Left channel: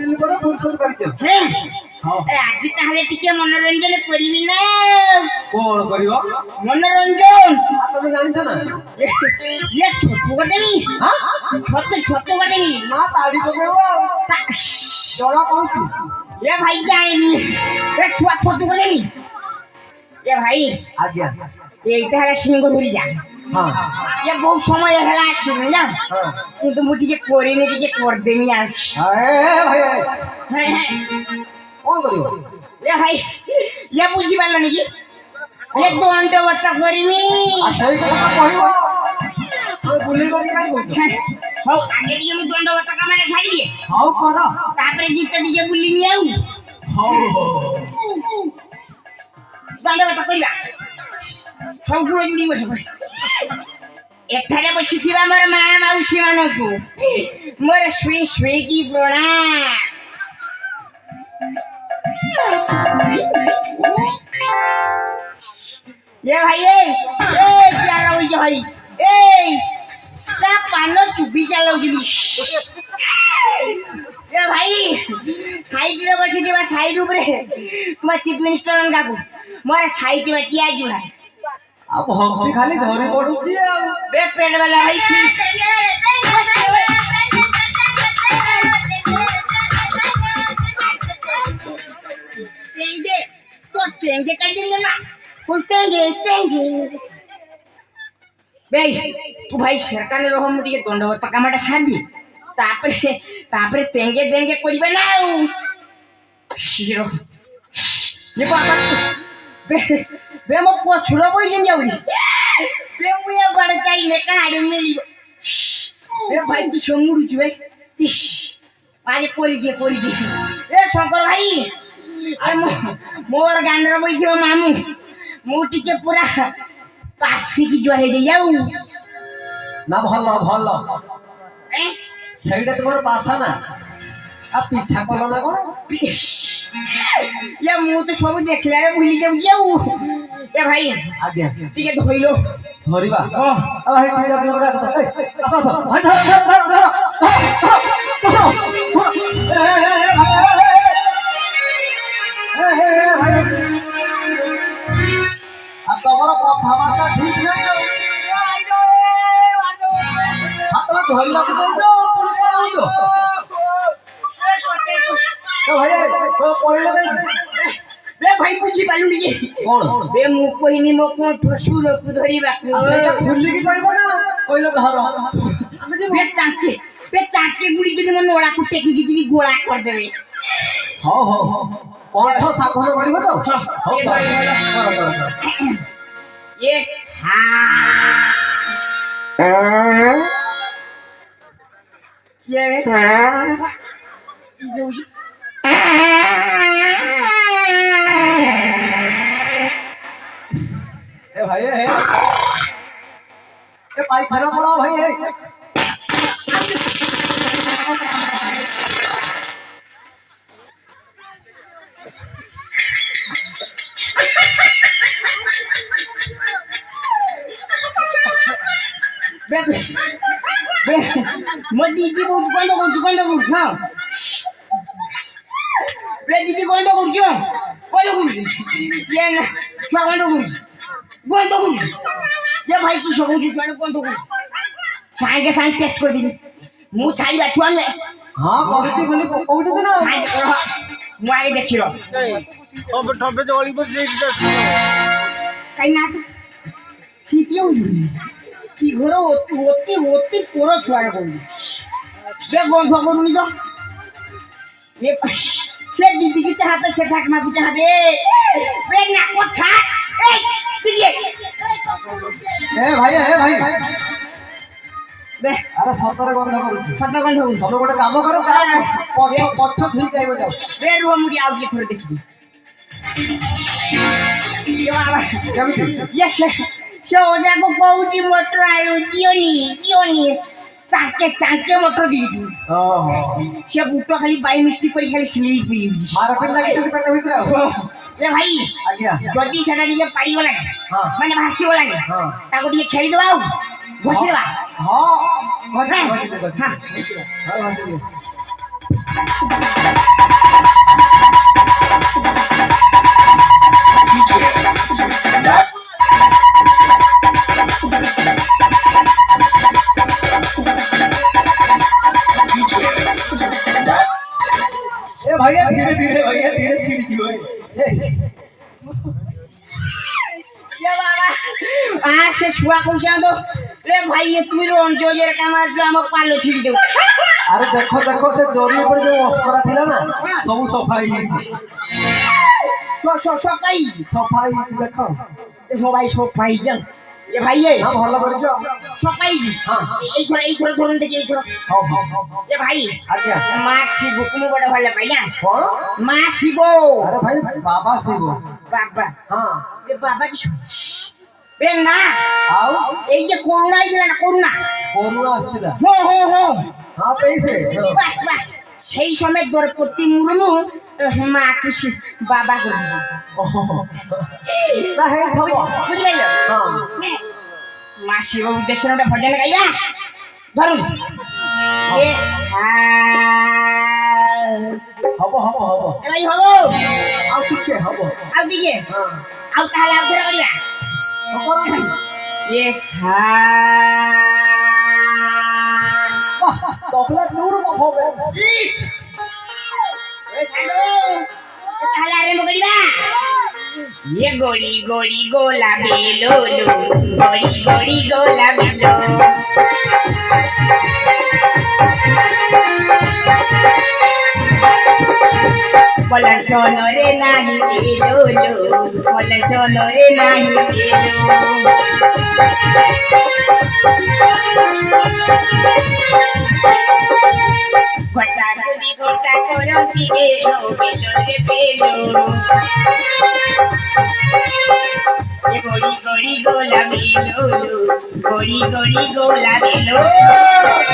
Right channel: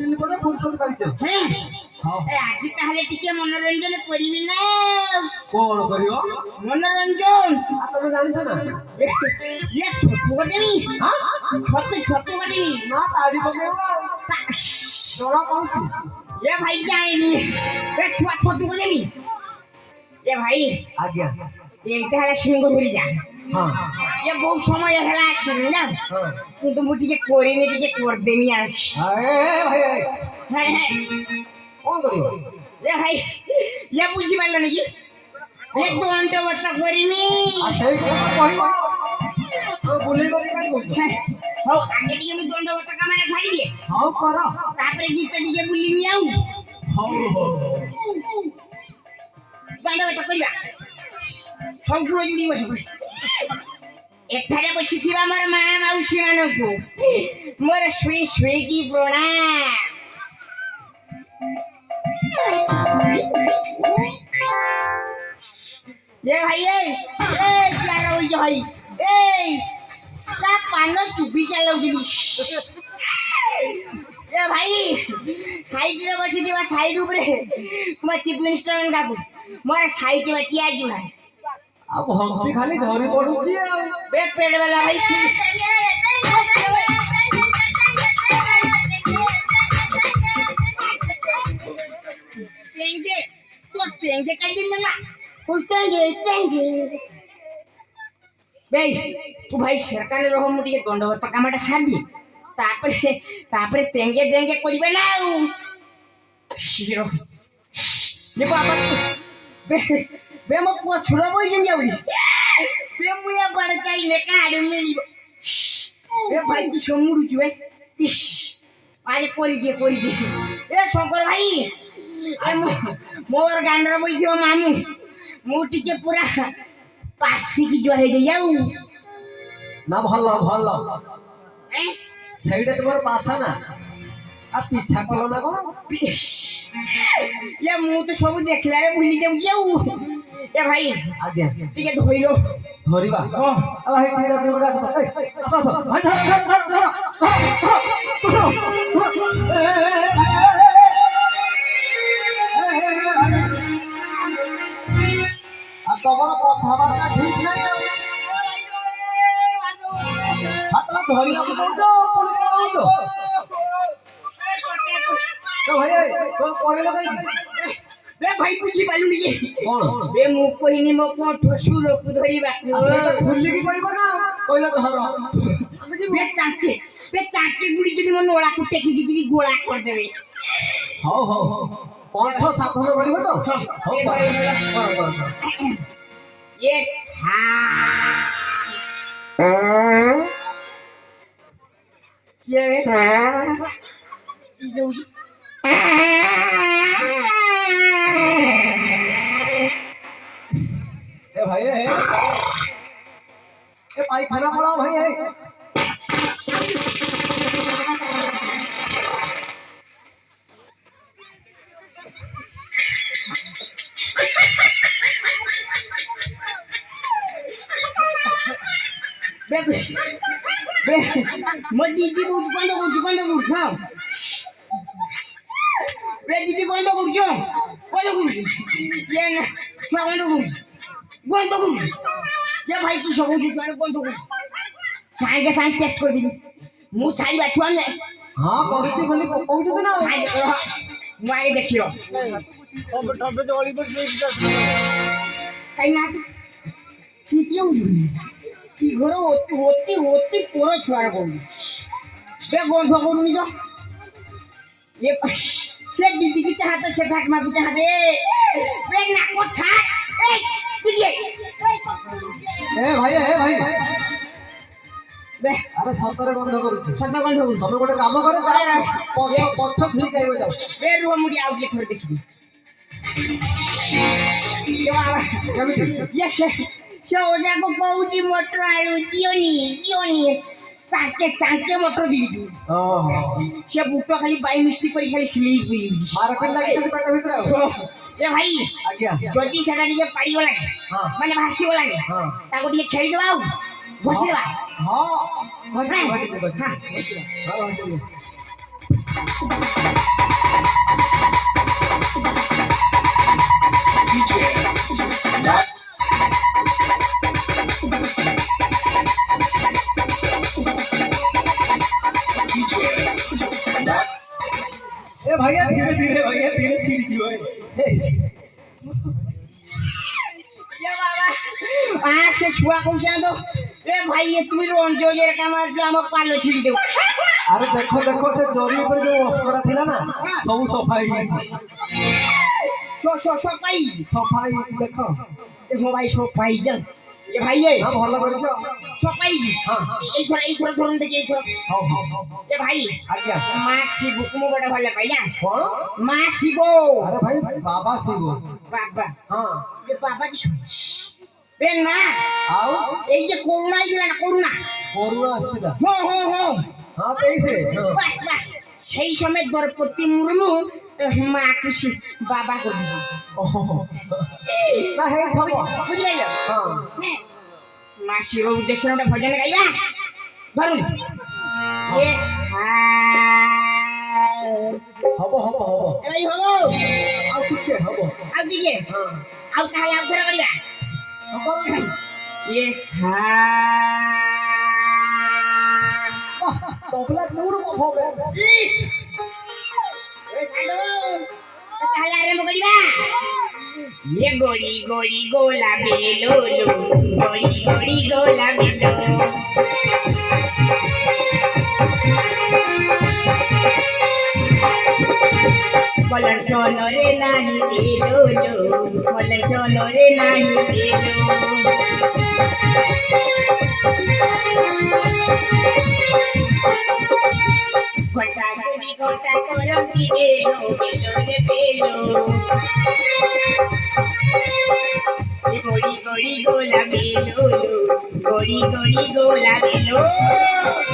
দিন পরে ফুল শুট করিছ হ্যাঁ হ্যাঁ আজ তাহলে টিকে মনোরঞ্জন করিবি না কোন করিব মনোরঞ্জন তুমি জানিছ না ইয়ে ছোট বটেনি হ্যাঁ ছোট বটেনি না তাড়ি পকেব জড়া পড়ছি এ ভাই জানিনি এ ছুয়া ছোট বটেনি এ ভাই আজ্ঞা এইটা হলে সিংহ ধরি যা হ্যাঁ এ বহু সময় হেলা আসিনি না হ্যাঁ কিন্তু মু টিকে করিনি টিকে করদেনি আর ভাই হ্যাঁ হ্যাঁ কোন করিব এ ভাই ইয়ে বুঝি পারল নাকি এ দণ্ডবত করিনি আর সেই কথা কহিব বুলে গলি কাই বলছো হও আগে টিকে মু দণ্ডবত কামারে ছাড়ি হও কর তারপরে জিতে টিকে বুলি নিও হও দণ্ডবত করিবা সম্পূর্ণ জুড়ি বসে পড়ে এଠାରେ বସିଥିବା ମୋର ମା ମାଉସୀ ମାନଙ୍କୁ ମୋର ଶୁଇ ଶୁଇକି ପ୍ରଣାମ ये भाई ए क्या रहो जो भाई ए ता पानो चुपी चलो जिनी ये भाई साइड रे बसी दिबा साइड ऊपर तुम चीफ मिनिस्टर डाकू मोर साइड में टिया जी भाई अब भक्ति खाली धरी पड़ू की बे पेड़ वाला भाई तेंगे तो तेंगे कर दिन ना तेंगे बे तू भाई सरकार रहो मुझे दंडवत कामटा छाड़ी तापरे तेंगे देंगे करिबे ना शिरो ये बाबा बे मो पछुरो बोई जन जाउनी बे मुया बड़ चाइले काड मिली बे भाई तू समुरु छु बे आजे कोरी दे ए शंकर भाई ए मोर गांडर बोई थियो मामू मु टिके पूरा पासी की जो है जाऊ ना भलो भलो ए সেইটা তোমার পাশা না আর পিছা কল না কোন ये मु तो सब देखला रे भूली जाऊ ए भाई আজ্ঞা टिके धइलो ধরিবা हां ও হে কি আপনি করে আসো আসো আসো ভাই ধর ধর ধর আর তোমার কথাবার্তা ঠিক নাই হাতটা ধরিলা কি বলছো পুরো পড়াউছো ও ভাই তো পড়ে লাগাই बे भाई बुझी पालु नी কোন बे मु कोहिनी मो को ठसुर को धरिबा আসলে খুললি কি পাইবো না কইলো ধর আমি যে बे चाके गुड़ी जदी मन ओळा को टेकी की गोळा कर देबे হ্যাঁ হ্যাঁ হ্যাঁ কণ্ঠ সাধন করিব তো হ্যাঁ হ্যাঁ কর কর কর यस हां ये ए भाई ए पायखाना पड़ा भाई ए मदी दी गोंद हां बे दीदी गोंद ये ना गोंद ये भाई की सब कुछ गोंद साइड के साइड टेस्ट कर दी मु छाई बा छुआ ले हां कहती बोली कोउठी दिना साइड करो मु आगे देखियो अब ठबे जळी पर जे कहीं ना ठीक है की घर होते पूरा छुआ को बे गोंद करूनी तो ये से दीदी की चाहते से ठाक मा की चाहते बे ना को छा ए दीदी ए भाई बे अरे सतरे बंद करू सत गंध हो तमे गोटे काम करो पछ ठीक आइबो जाओ बे रुआ मुड़ी आउ के थोड़े देखी केमती यस से ओजा को बहुती मोटर आयो दियोनी चाके मोटर दी हां से बूटो खाली बाई मिस्टेक कोई खाली स्लीप हुई मार्केट लागे तो पेट भीतर ए भाई आज्ञा जदी सेटा दिले पाड़ी गला हां माने भासी गला हां ताको दिले खेली दबाओ घोषेबा हां हां हां भैया धीरे धीरे छिड़ी दियो ये बाबा आ से छुआ को जा दो ए भाई ये तुम रोन जो ये कामार जो हम पालो छिड़ी दो अरे देखो से जोरी ऊपर जो मस्करा थिला ना सब सफाई हिची सफाई देखो मोबाइल सफाई जन ये भाई ये हां भलो कर जाओ सफाई हां एक थोड़ा धरन देखिए एक थोड़ा हां ये भाई आज्ञा मां शिव कुम बड़ा भले भैया कौन मां शिव अरे भाई बाबा शिव बाबा हां ये बाबा की बे ना आओ এই যে করোনা আইছিল না कोरोना আসতিলা हो हां कैसे বাস সেই সময় দ্রৌপদী মুর্মু মা খুশি বাবা করে না হে খবর বুঝলে हां মা শিব উদ্দেশ্যে একটা ভজন গাইয়া ধরুন হব এই হবো আর টিকে হব আর দিকে हां আর তাহলে আর ধরে গাইয়া Yes, তবলা দূর পারফরম্যান্স তাহলে আরম্ভ করিবা ये गोरी गोरी गोला बेलो लो गोरी गोरी गोला बेलो बोला चलो रे नाही बेलो लो बोला चलो रे नाही बेलो गोटा करो की बेलो बेलो रे बेलो ये गोरी गोरी गोला बेलो गोरी गोरी गोला बेलो